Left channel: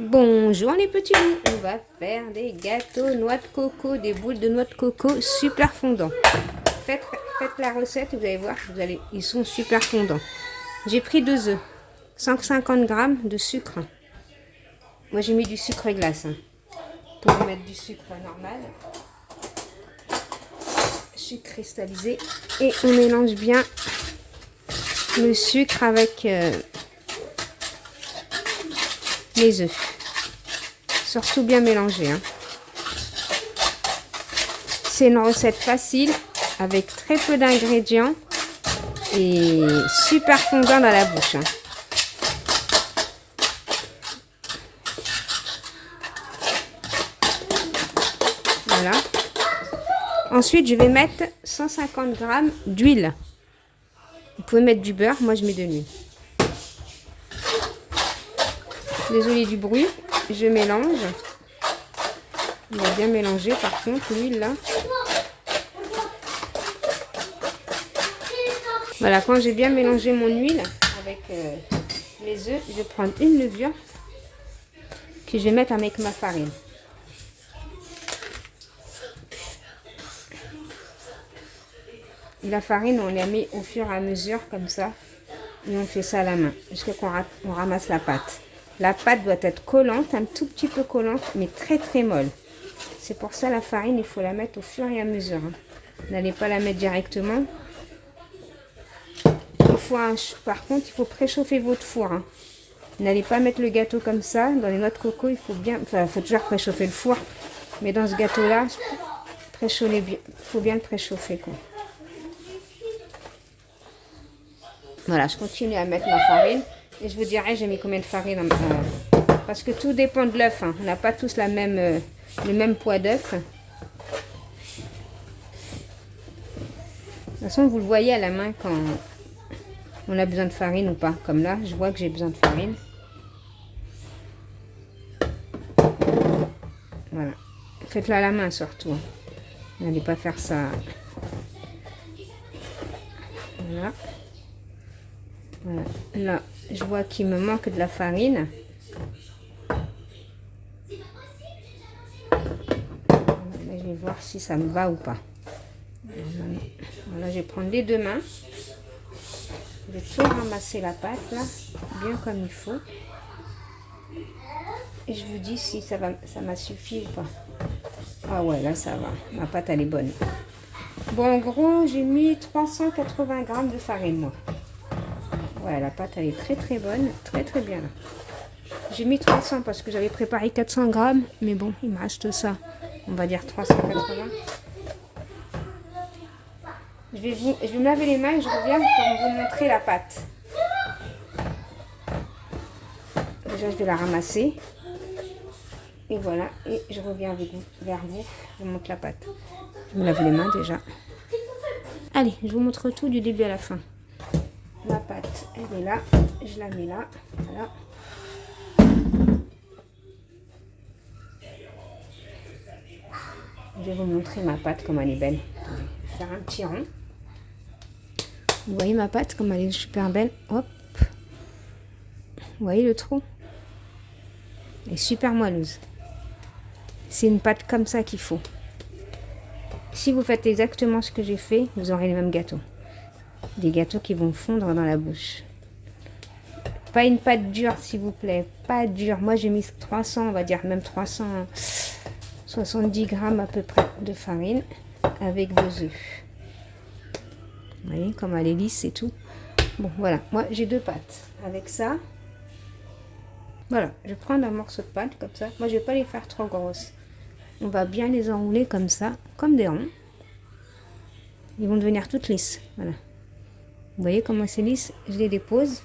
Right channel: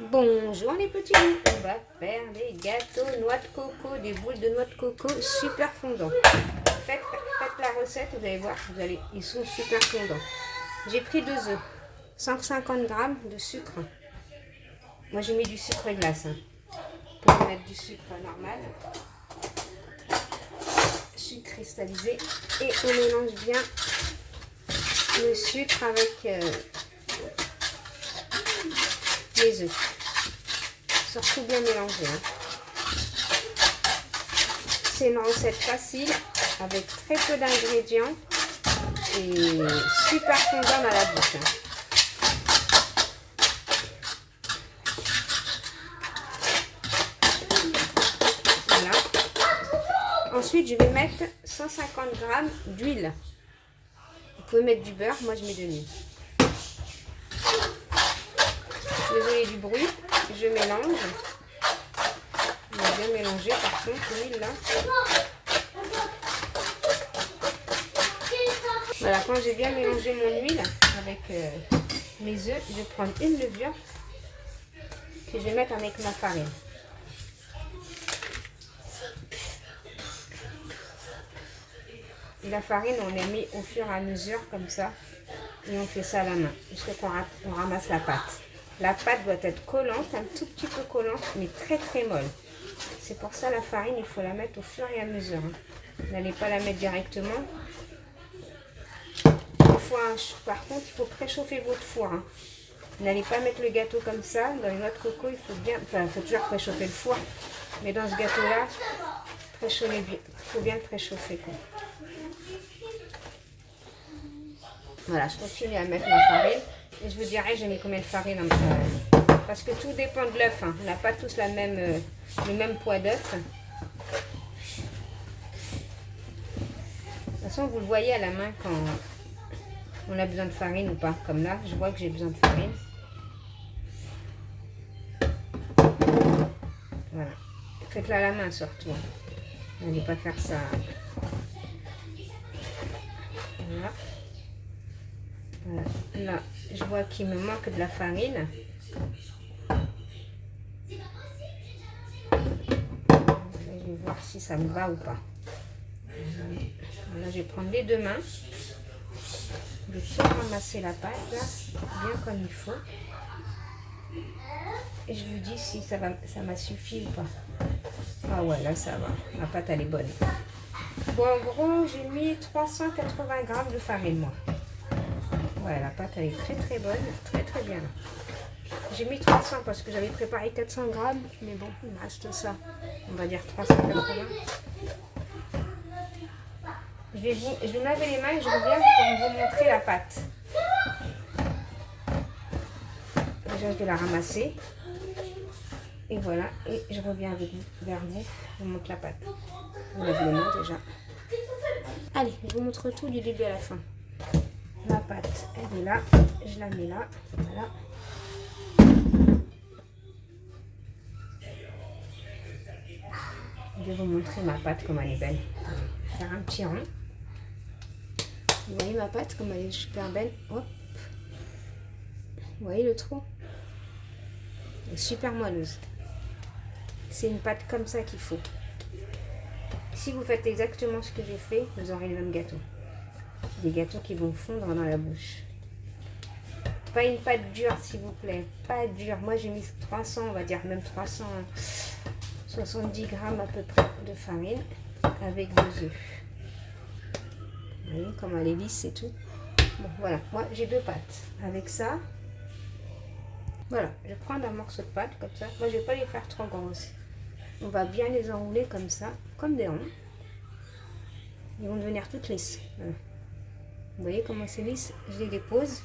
Bonjour les petits loups, on va faire des gâteaux noix de coco, des boules de noix de coco super fondants. Faites la recette, vous allez voir, ils sont super fondants. J'ai pris 2 œufs, 150 g de sucre. Moi j'ai mis du sucre glace. Hein. Vous pouvez mettre du sucre normal, sucre cristallisé, et on mélange bien le sucre avec les œufs. Surtout bien mélanger. Hein. C'est une recette facile avec très peu d'ingrédients et super fondant dans la bouche. Hein. Voilà. Ensuite, je vais mettre 150 g d'huile. Vous pouvez mettre du beurre, moi je mets de l'huile. Désolée du bruit, je mélange. On va bien mélanger par contre l'huile là. Voilà, quand j'ai bien mélangé mon huile avec mes œufs, je vais prendre une levure que je vais mettre avec ma farine. La farine, on la met au fur et à mesure comme ça. Et on fait ça à la main jusqu'à qu'on ramasse la pâte. La pâte doit être collante, un tout petit peu collante, mais très très molle. C'est pour ça la farine, il faut la mettre au fur et à mesure. Vous n'allez pas la mettre directement. Par contre, il faut préchauffer votre four. Hein. Vous n'allez pas mettre le gâteau comme ça. Dans les noix de coco, il faut toujours préchauffer le four. Mais dans ce gâteau-là, il faut bien le préchauffer. Quoi. Voilà, je continue à mettre ma farine. Et je vous dirai, j'ai mis combien de farine. Parce que tout dépend de l'œuf. Hein. On n'a pas tous le même poids d'œuf. De toute façon, vous le voyez à la main quand on a besoin de farine ou pas. Comme là, je vois que j'ai besoin de farine. Voilà. Faites-le à la main surtout. N'allez pas faire ça. Voilà. Voilà. Là, je vois qu'il me manque de la farine. Je vais voir si ça me va ou pas. Voilà, je vais prendre les 2 mains. Je vais tout ramasser la pâte là, bien comme il faut. Et je vous dis si ça m'a suffi ou pas. Ah ouais, là ça va. Ma pâte elle est bonne. Bon, en gros, j'ai mis 380 g de farine moi. Voilà, la pâte elle est très très bonne, très très bien. J'ai mis 300 parce que j'avais préparé 400 g, mais bon, il me reste ça. On va dire 380. Je vais me laver les mains et je reviens pour vous montrer la pâte. Déjà, je vais la ramasser. Et voilà, et je reviens vers vous, je vous montre la pâte. Je me lave les mains déjà. Allez, je vous montre tout du début à la fin. La pâte, elle est là, je la mets là, voilà. Je vais vous montrer ma pâte comme elle est belle. Je vais faire un petit rond. Vous voyez ma pâte comme elle est super belle. Hop. Vous voyez le trou? Elle est super moelleuse. C'est une pâte comme ça qu'il faut. Si vous faites exactement ce que j'ai fait, vous aurez les mêmes gâteaux. Des gâteaux qui vont fondre dans la bouche. Pas une pâte dure s'il vous plaît. Pas dure. Moi j'ai mis 300, on va dire même 370 g à peu près de farine avec 2 œufs. Vous voyez comme elle est lisse et tout. Bon voilà, moi j'ai 2 pâtes. Avec ça, voilà, je vais prendre un morceau de pâte comme ça. Moi je vais pas les faire trop grosses. On va bien les enrouler comme ça, comme des ronds. Ils vont devenir toutes lisses. Voilà. Vous voyez comment c'est lisse? Je les dépose.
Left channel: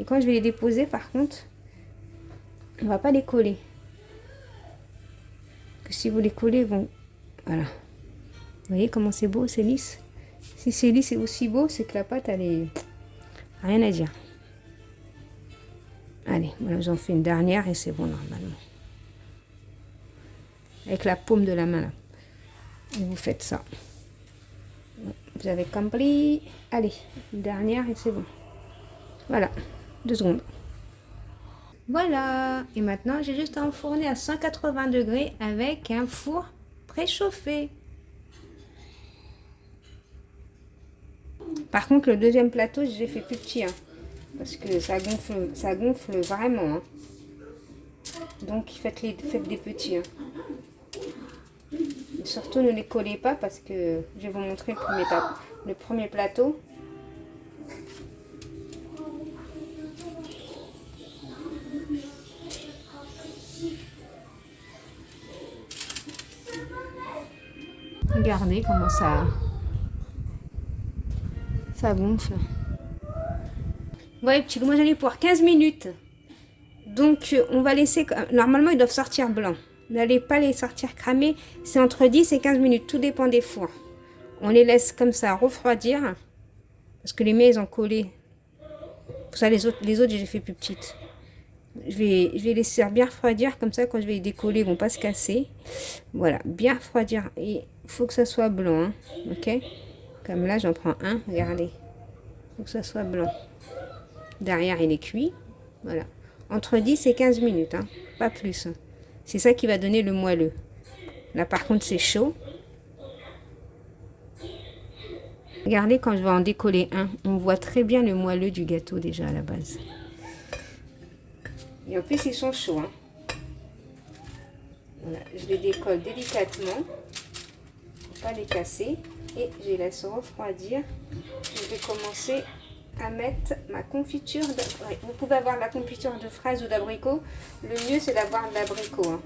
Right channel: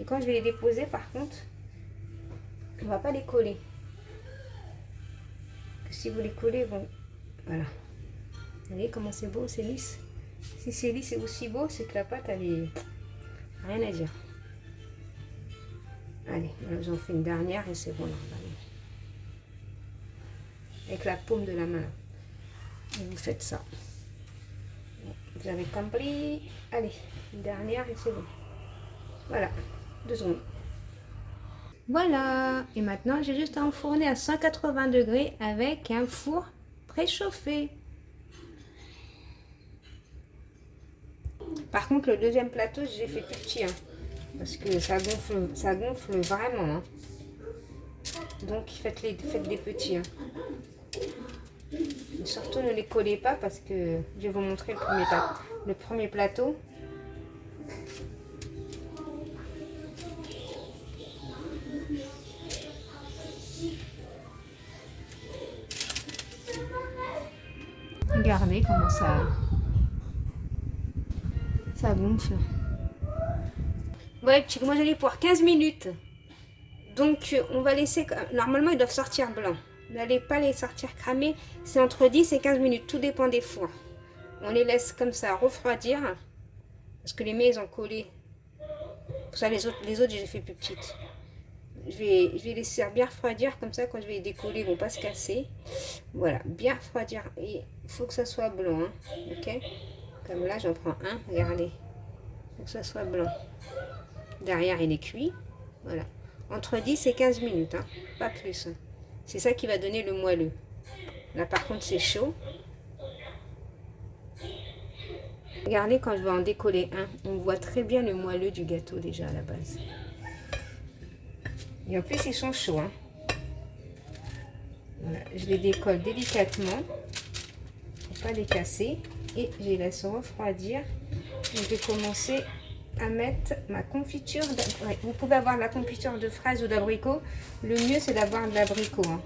Et quand je vais les déposer, par contre, on ne va pas les coller. Que si vous les collez, ils vont... Voilà. Vous voyez comment c'est beau, c'est lisse? Si c'est lisse et aussi beau, c'est que la pâte, elle est... Rien à dire. Allez, voilà, j'en fais une dernière et c'est bon normalement. Avec la paume de la main là. Et vous faites ça. Vous avez compris. Allez, une dernière et c'est bon. Voilà, 2 secondes. Voilà. Et maintenant, j'ai juste à enfourner à 180 degrés avec un four préchauffé. Par contre, le deuxième plateau, j'ai fait plus petit. Hein, parce que ça gonfle vraiment. Hein. Donc, faites des petits. Hein. Et surtout, ne les collez pas parce que je vais vous montrer le premier plateau. Regardez comment ça gonfle. Ouais, petit, moi j'en ai pour 15 minutes. Donc on va laisser, normalement ils doivent sortir blancs. N'allez pas les sortir cramés, c'est entre 10 et 15 minutes, tout dépend des fours. On les laisse comme ça refroidir, parce que les miens ils ont collé. Pour ça les autres j'ai fait plus petites. Je vais laisser bien refroidir, comme ça quand je vais les décoller ils vont pas se casser. Voilà, bien refroidir, et il faut que ça soit blanc, hein, ok. Comme là j'en prends un, regardez, il faut que ça soit blanc. Derrière il est cuit, voilà. Entre 10 et 15 minutes, hein, pas plus. Hein. C'est ça qui va donner le moelleux. Là par contre c'est chaud. Regardez quand je vais en décoller un, on voit très bien le moelleux du gâteau déjà à la base. Et en plus ils sont chauds. Hein. Voilà, je les décolle délicatement pour pas les casser et je les laisse refroidir. Je vais commencer à mettre ma confiture. Ouais, vous pouvez avoir la confiture de fraises ou d'abricot. Le mieux c'est d'avoir de l'abricot. Hein.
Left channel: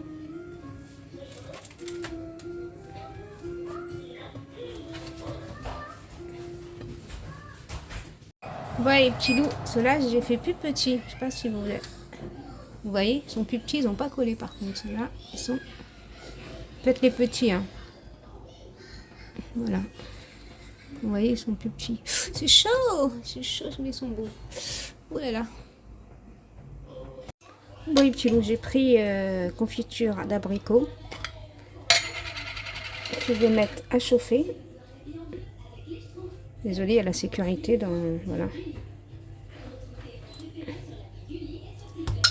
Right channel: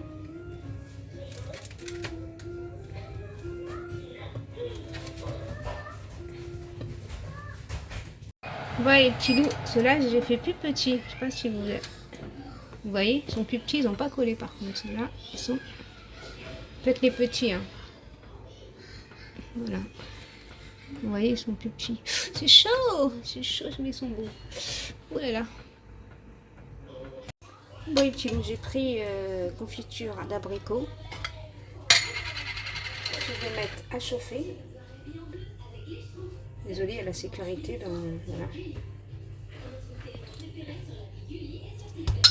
Voilà les petits loups, ceux-là j'ai fait plus petits. Je sais pas si vous voyez, ils sont plus petits, ils n'ont pas collé par contre. Ceux-là, ils sont. Faites les petits. Hein. Voilà. Vous voyez, ils sont plus petits. C'est chaud, mais ils sont beaux. Oh là là. Bon les petits loups, j'ai pris confiture d'abricot. Je vais mettre à chauffer. Désolée, il y a la sécurité dans... Voilà.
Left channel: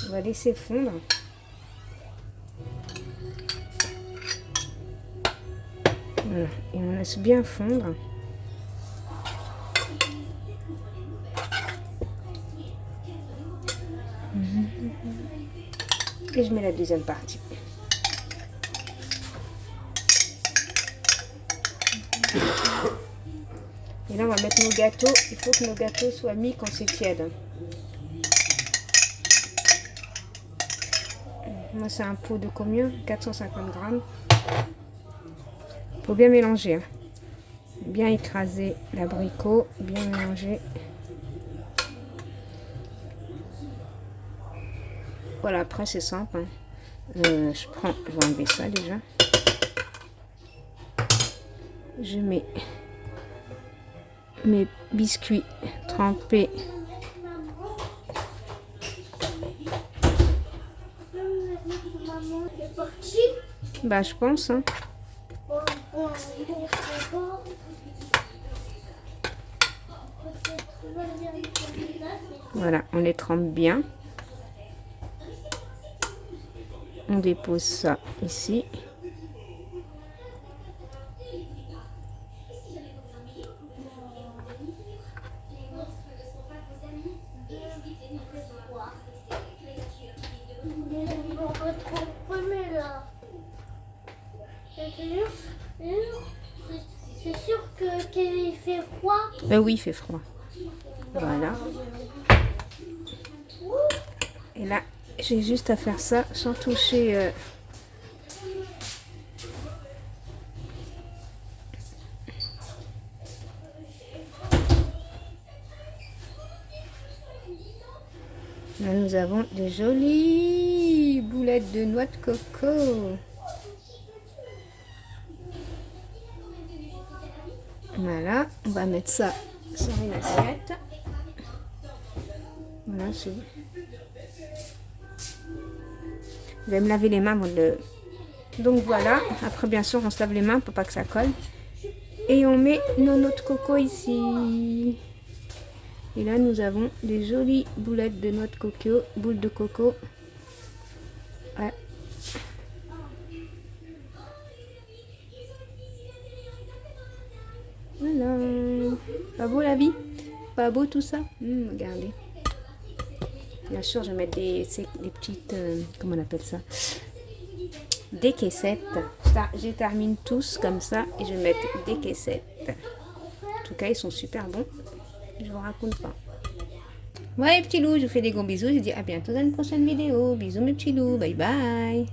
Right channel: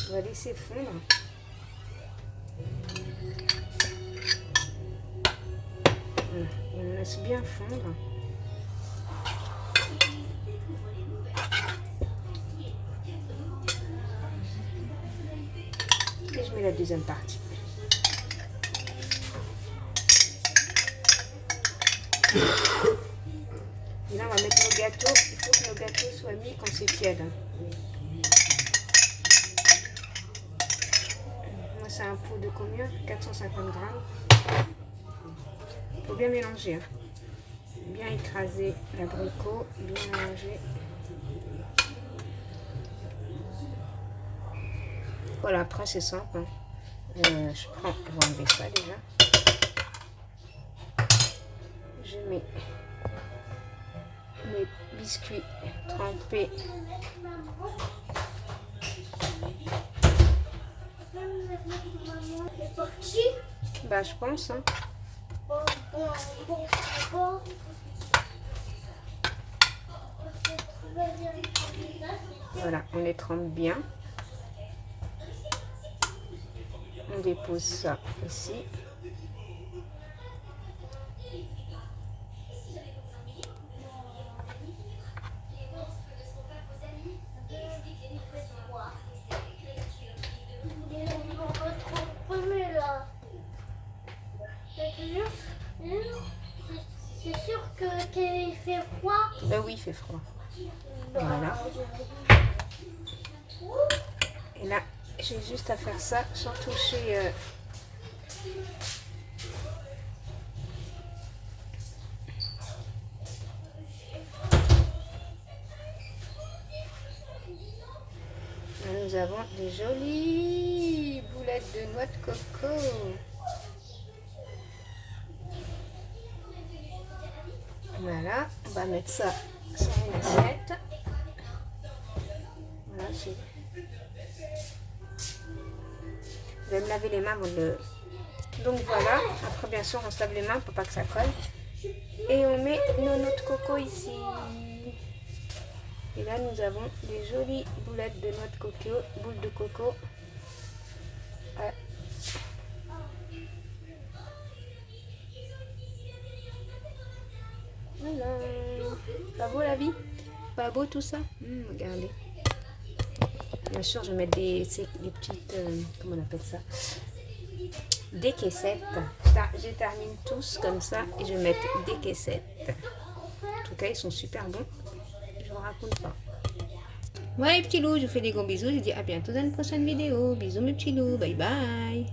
On va laisser fondre. Voilà. Et on laisse bien fondre. Et je mets la deuxième partie. Et là, on va mettre nos gâteaux. Il faut que nos gâteaux soient mis quand c'est tiède. Moi, c'est un pot de combien? 450 grammes. Il faut bien mélanger. Hein. Bien écraser l'abricot. Bien mélanger. Voilà, après, c'est simple. Hein. Je vais enlever ça déjà. Je mets mes biscuits trempés. Bah je pense. Hein. Voilà, on les trempe bien. On dépose ça ici. C'est sûr qu'il fait froid. Oui, il fait froid. Voilà. Et là, j'ai juste à faire ça sans toucher. Là, nous avons des jolies boulettes de noix de coco. Voilà, on va mettre ça sur une assiette. Voilà, c'est bon. Je vais me laver les mains avant de... Donc voilà, après bien sûr on se lave les mains pour pas que ça colle. Et on met nos noix de coco ici. Et là nous avons des jolies boulettes de noix de coco, boules de coco. Ouais. Voilà. Pas beau la vie? Pas beau tout ça? Regardez. Bien sûr, je vais mettre des petites... comment on appelle ça? Des caissettes. Je termine tous comme ça et je vais mettre des caissettes. En tout cas, ils sont super bons. Je vous raconte pas. Ouais, petits loups, je vous fais des gros bisous. Je vous dis à bientôt dans une prochaine vidéo. Bisous mes petits loups. Bye bye.